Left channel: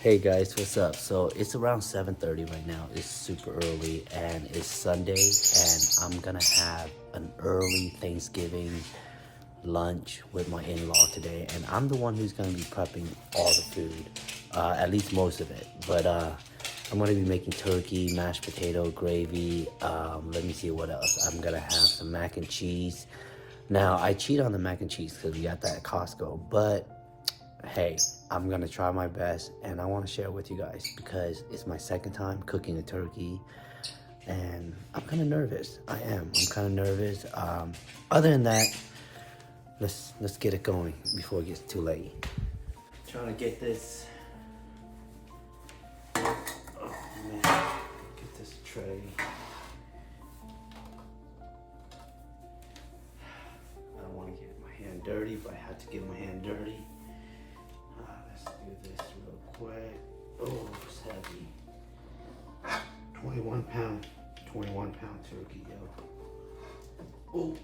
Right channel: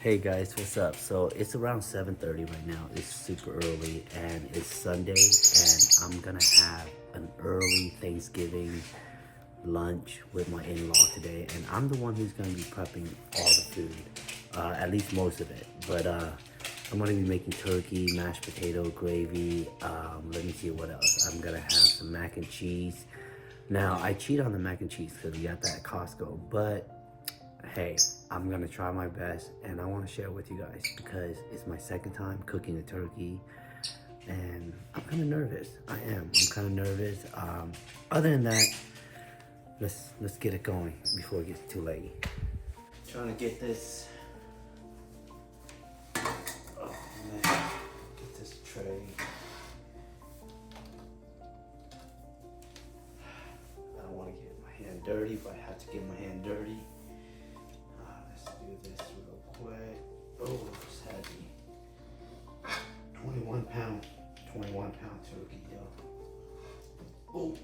Hey guys, what's up? So it's around 7:30 right now. It's super early and it's Sunday and I'm gonna have an early Thanksgiving lunch with my in-law today, and I'm the one who's gonna be prepping all the food, at least most of it. But I'm gonna be making turkey, mashed potato, gravy. Let me see what else. I'm gonna have some mac and cheese. Now I cheat on the mac and cheese because we got that at Costco, but hey, I'm gonna try my best and I want to share with you guys because it's my second time cooking a turkey and I'm kind of nervous. I'm kind of nervous. Other than that, let's get it going before it gets too late. Trying to get this. Oh man, get this tray. I don't want to get my hand dirty, but I have to get my hand dirty. Let's do this real quick. Oh, it's heavy. 21 pound turkey, yo. Oh.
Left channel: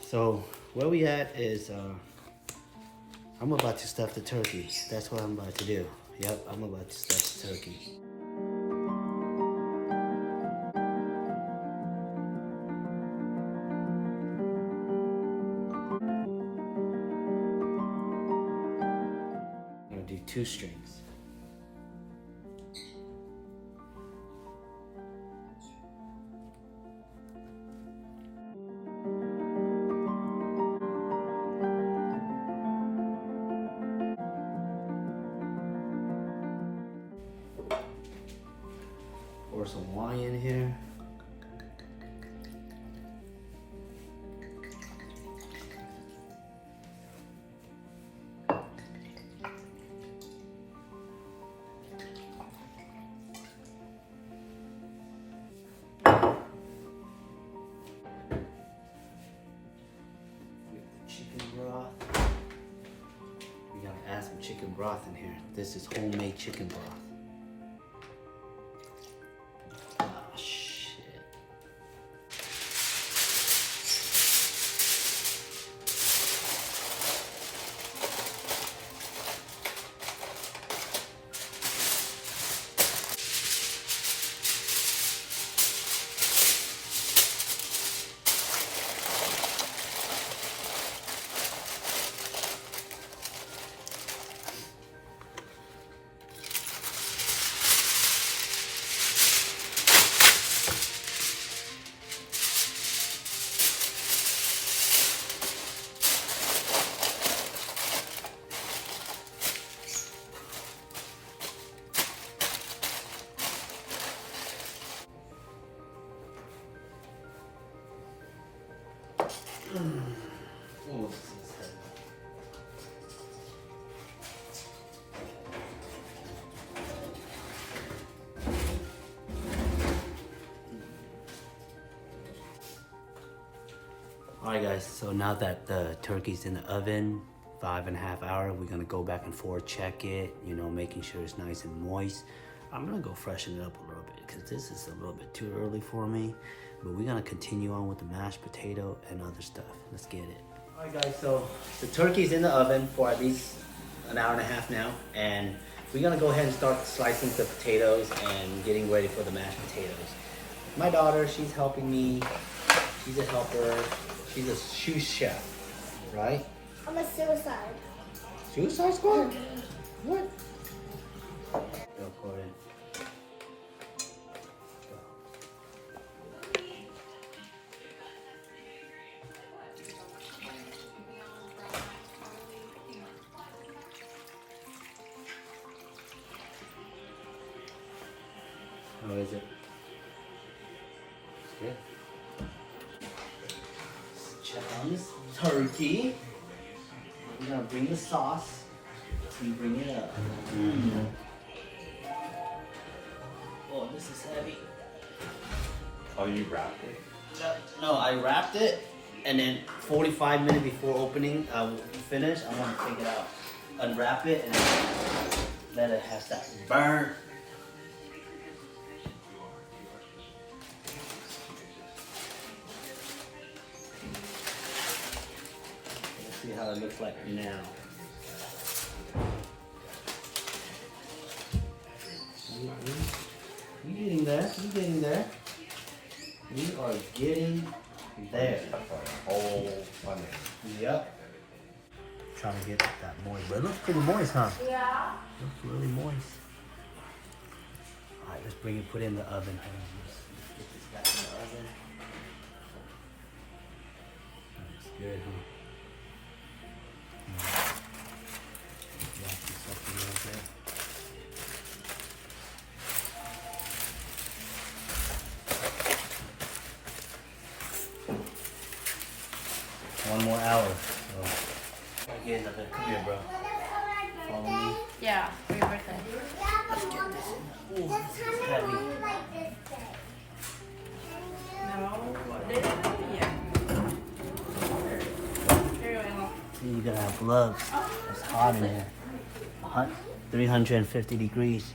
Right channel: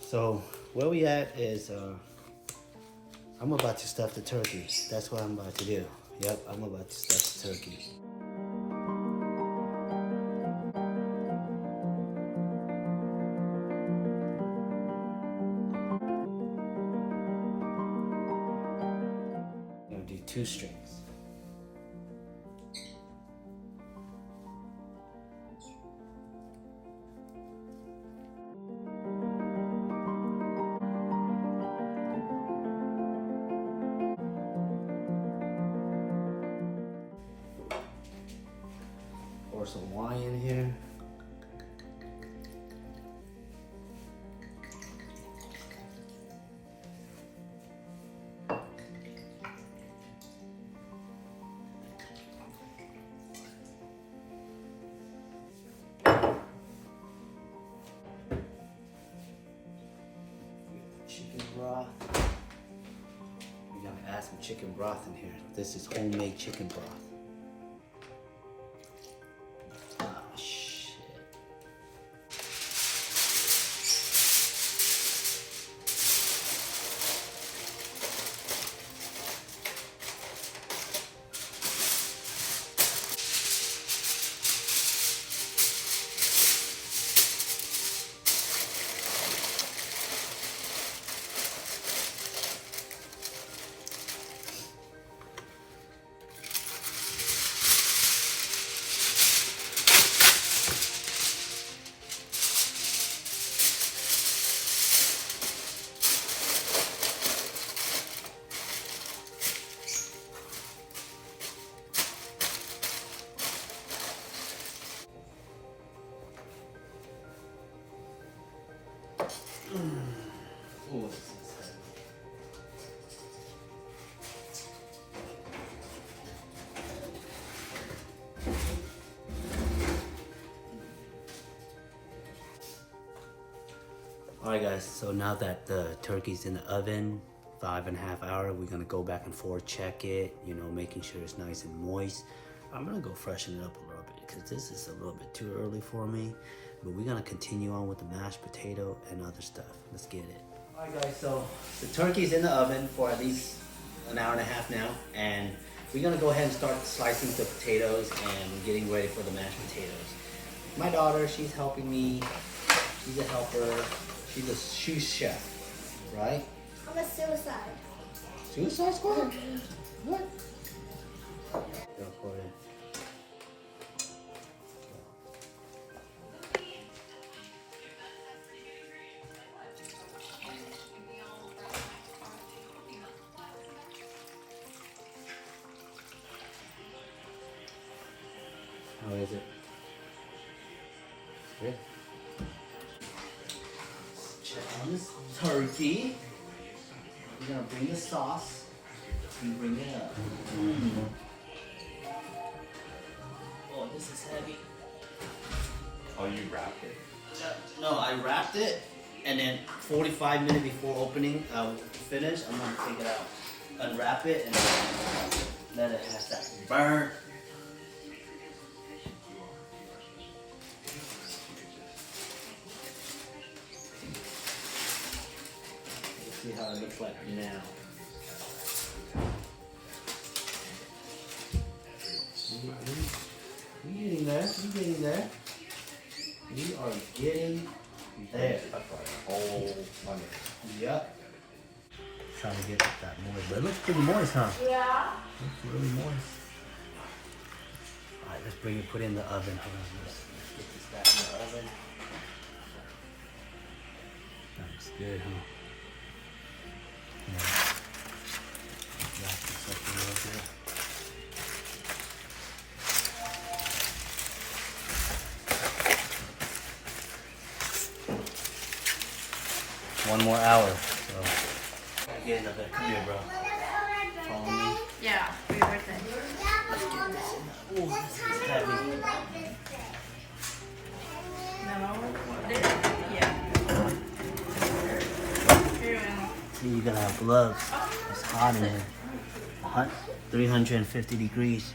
So where we at is I'm about to stuff the turkey. That's what I'm about to do. Yep, I'm about to stuff the turkey. I'm gonna do 2 strings. Pour some wine in here. Chicken broth. We gotta add some chicken broth in here. This is homemade chicken broth. Ah, shit. Oh, this is heavy. Alright guys, so now that the turkey's in the oven, 5.5 hours, we're gonna go back and forth, check it, you know, making sure it's nice and moist. I'm gonna go freshen it up a little bit because this is a little bit too early for me. But we're gonna continue on with the mashed potato and other stuff. Let's get it. Alright guys, so the turkey's in the oven for at least an hour and a half now. And we're gonna go ahead and start slicing the potatoes and getting ready for the mashed potatoes. My daughter, she's helping me. She's a helper. She's a sous chef, right? I'm a suicide. Suicide Squad? What? Go for it. How is it? It's good. Check on this turkey. We're gonna bring the sauce and bring it up. Oh, this is heavy. Oh, you wrapped it? No, I wrapped it, and then 45 minutes before opening, finish, I'm gonna take it out, unwrap it, and Let it have that burn. Let's see how it looks like now. We're getting there. We're getting there. We are getting there. Yep. Trying to get that moist, but it looks pretty moist, huh? Yeah. Looks really moist. All right, let's bring it. Put it in the oven. Hold on, let's get this back in the oven. That's good, huh? Yeah. Wrap this up a little bit. One more hour. So. Get in there. Come here, bro. Follow me. Yeah. For your birthday. Let's get this in. Oh, this is heavy. No. Yeah. See, you're gonna have gloves. It's hot in here. Hot, 350 degrees.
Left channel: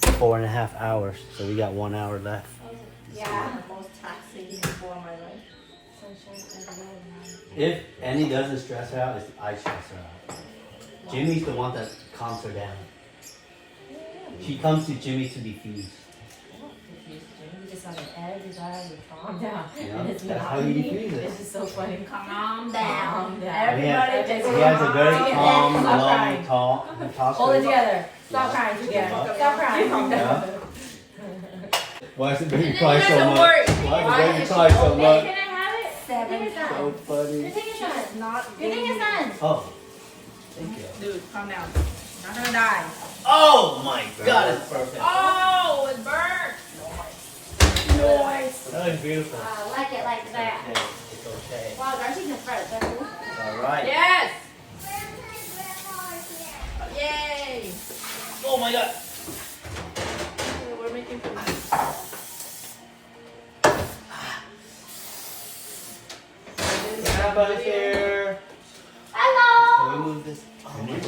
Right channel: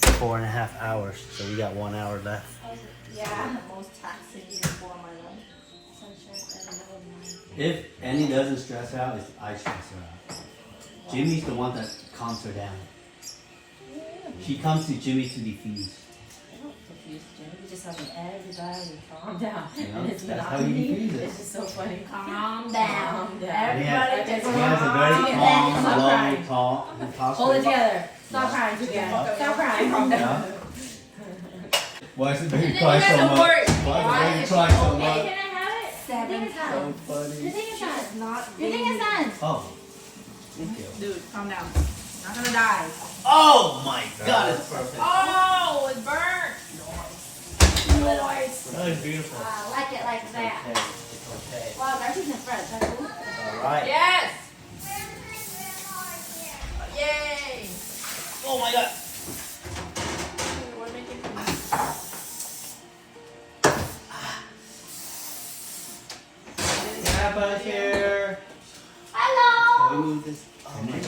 4.5 hours. So we got 1 hour left. Yeah. Most taxing before my life. If Annie doesn't stress her out, it's I stress her out. Jimmy's the one that calms her down. She comes to Jimmy to defuse. You just have to everybody calm down. Yeah, And it's that's not how you me. defuse it. It's just so funny. Calm down. He Everybody has, just he has a very calm calm, down. Stop low crying. talk. He talks Hold to it her. together. Stop crying together. Stop crying. Yeah. Why is the baby cry so much? Why Why does the baby cry so much? Can I have it? Seven So times. funny. Your thing is done. Your thing is done. Oh, thank you. Dude, calm down. Not gonna die. Oh my God, it's perfect. Oh, it's burnt. Nice. That was beautiful. I like it like that. Okay, it's okay. Wow, I'm using French. That's cool. All right. Yes. Yay. Oh my God. We're making Everybody's here. Hello. Can we move this? Oh my God.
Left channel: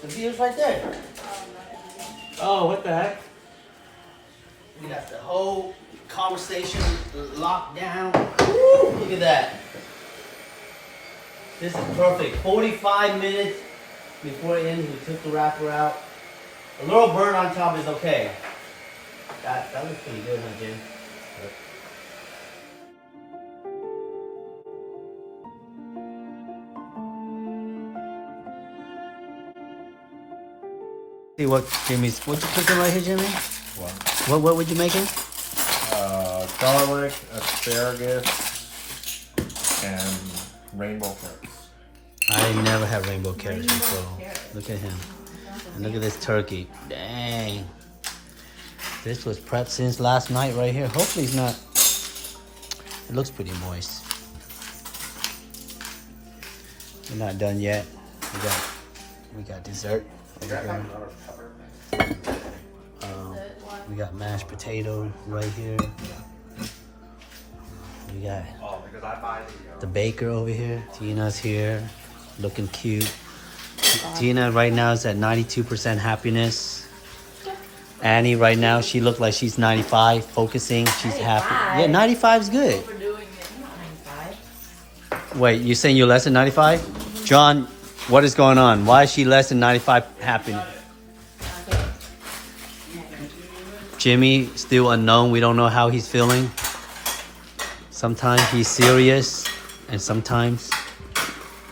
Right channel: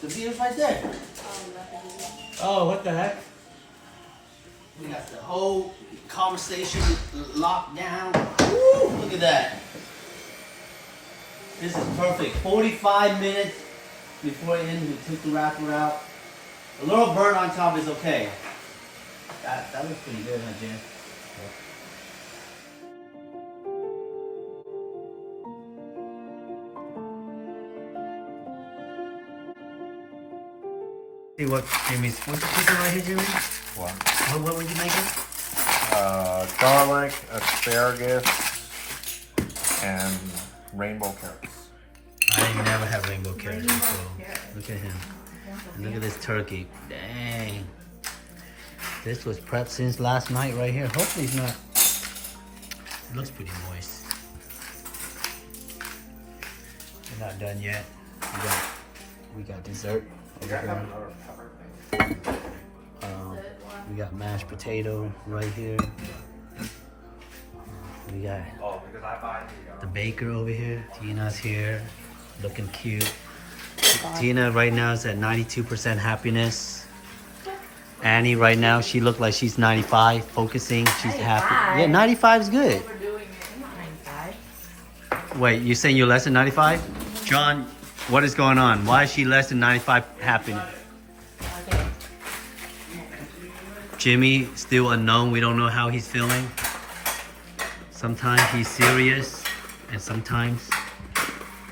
The video's right there. Oh, what the heck? We got the whole conversation locked down. Woo, look at that. This is perfect. 45 minutes before it ended, we took the wrapper out. A little burn on top is okay. That looks pretty good, huh, Jim? See what Jimmy's, what's you cooking right here, Jimmy? What? What would you making? Garlic, asparagus, and rainbow carrots. I never had rainbow carrots before. Look at him. And look at this turkey. Dang. This was prepped since last night right here. Hopefully it's not, it looks pretty moist. We're not done yet. We got dessert over here. We got mashed potato right here. We got the baker over here. Tina's here, looking cute. Tina right now is at 92% happiness. Annie right now, she looked like she's 95, focusing. She's happy. Yeah, 95 is good. We're doing it. I'm not 95. Wait, you saying you're less than 95? John, what is going on? Why is she less than 95 happiness? Okay. Jimmy, still unknown. We don't know how he's feeling. Sometimes he's serious, and sometimes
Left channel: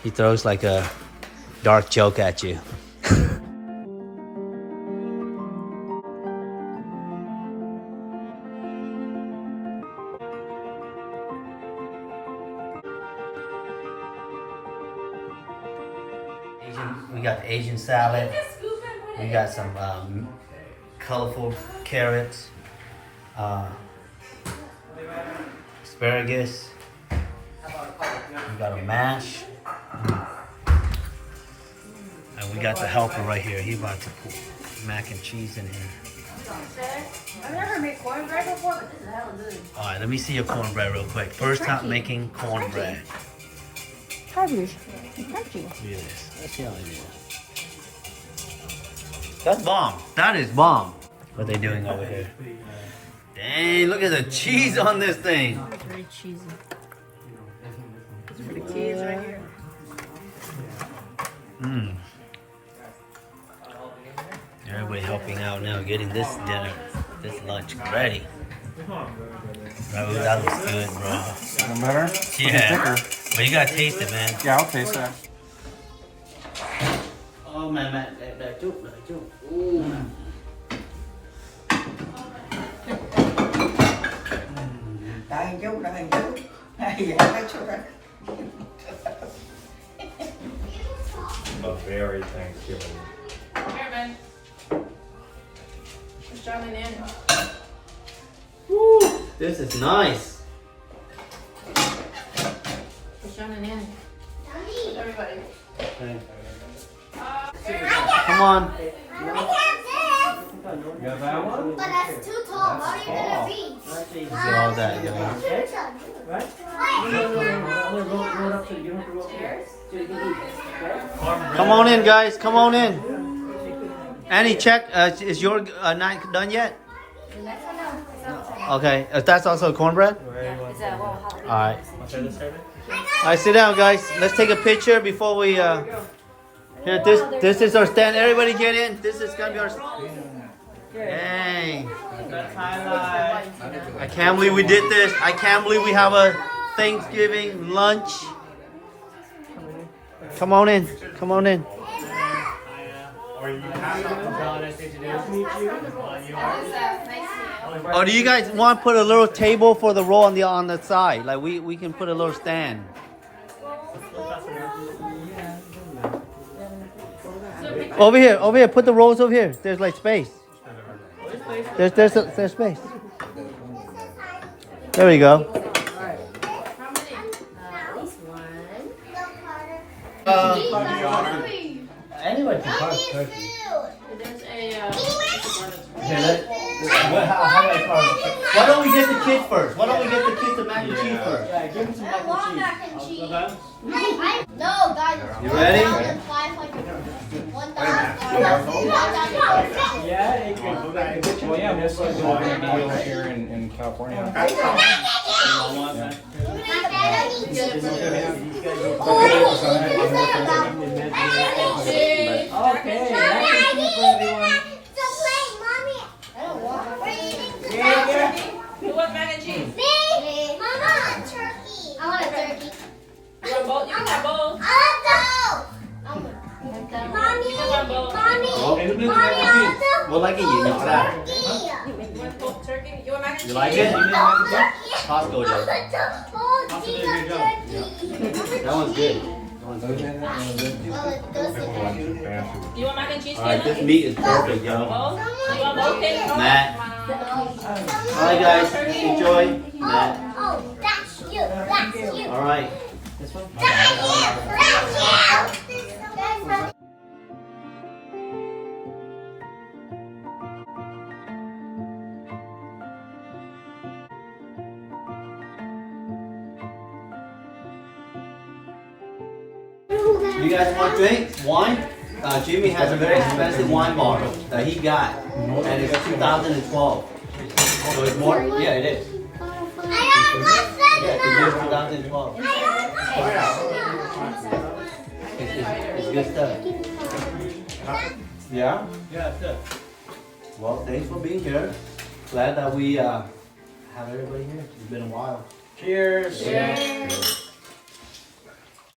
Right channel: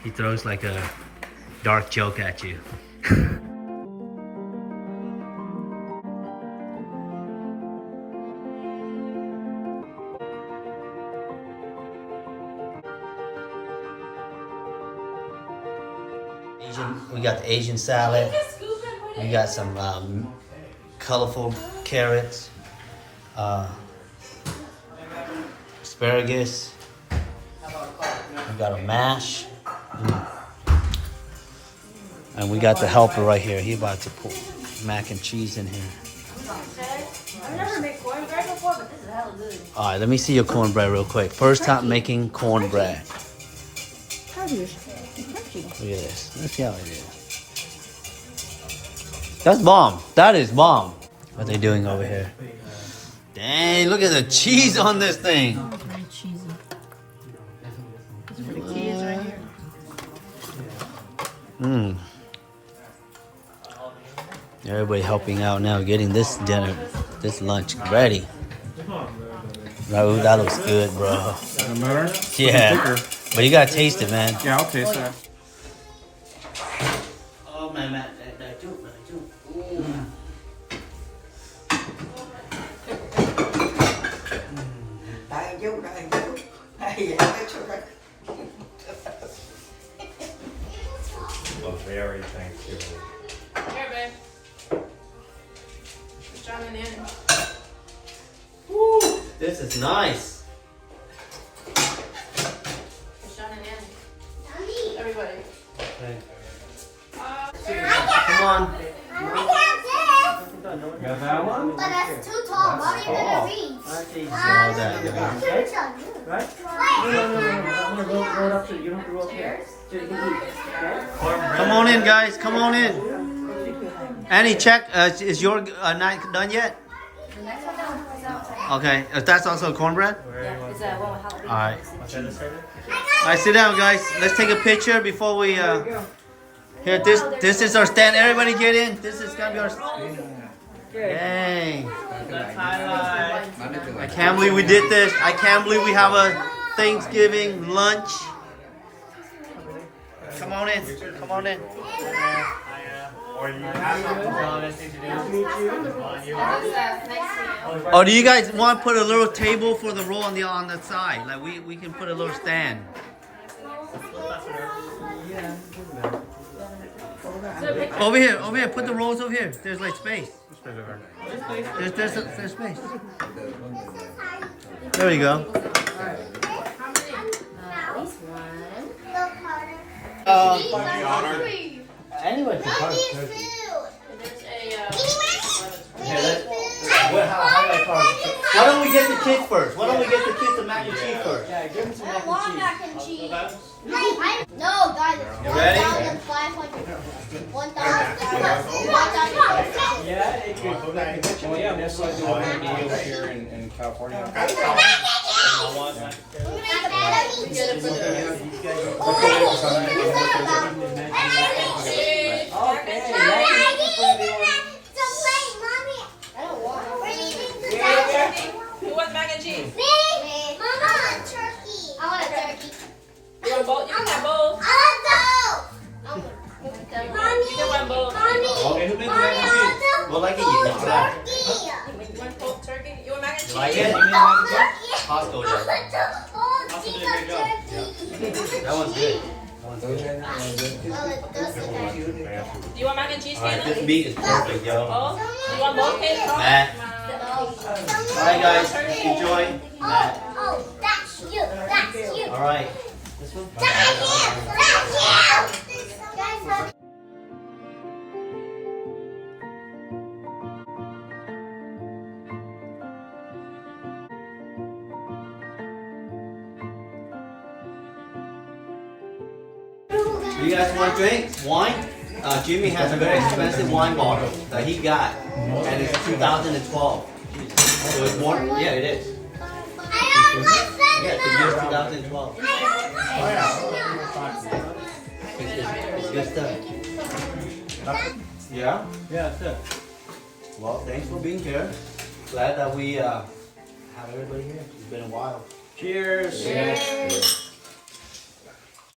he throws like a dark joke at you. We got the Asian salad. We got some colorful carrots, asparagus. We got a mash. And we got the helper right here. He about to put mac and cheese in here. I've never made cornbread before, but this is hella good. All right, let me see your cornbread real quick. First time making cornbread. Crunchy. Look at this. Let me see how it is. That's bomb. That is bomb. What are they doing over here? Dang, look at the cheese on this thing. Oh, it's very cheesy. This is for the kids right here. Mmm. Everybody helping out now, getting this dinner, this lunch ready. Oh, that looks good, bro. Doesn't matter? Yeah. But you gotta taste it, man. Yeah, I'll taste that. Oh, man. A very Thanksgiving. Here, babe. Just joining in. This is nice. Just joining in. Everybody. Come on. You got that one? But that's too tall. How are you gonna reach? See all that, guys. Come on in, guys. Come on in. Annie, check. Is your night done yet? Okay. That's also cornbread? All right. All right, sit down, guys. Let's take a picture before we. Here, this is our stand. Everybody get in. This is gonna be our. Dang. I can't believe we did this. I can't believe we have a Thanksgiving lunch. Come on in. Come on in. Oh, do you guys want to put a little table for the roll on the side? Like we can put a little stand. Over here. Put the rolls over here. There's like space. There's space. There we go. Anyway, There's a, why don't we get the kids first? Why don't we get the kids the mac and cheese first? Yeah, give them some mac and cheese. No, guys. You ready? Well, yeah, most likely we're going to be over here in California. you want mac and cheese? Mama, turkey. I want a turkey. You want a bowl? You can have bowl. I want You can have bowl. Well, like it, you know that. You want bowl turkey? You want mac and cheese? You like it? Costco does. That one's good. That one's good. You want mac and cheese? All right, this meat is perfect, yo. Bowl? You want bowl cake? Matt. All right, guys, enjoy. Matt. Oh, that's you. That's you. All right. This one. You guys want drinks? Wine? Jimmy has a very expensive wine bar that he got, and it's 2012. So it's more? Yeah, it is. Yeah, it's the year 2012. It's good stuff. Yeah? Yeah, that's it. Well, thanks for being here. Glad that we have everybody here. It's been a while. Cheers. Cheers.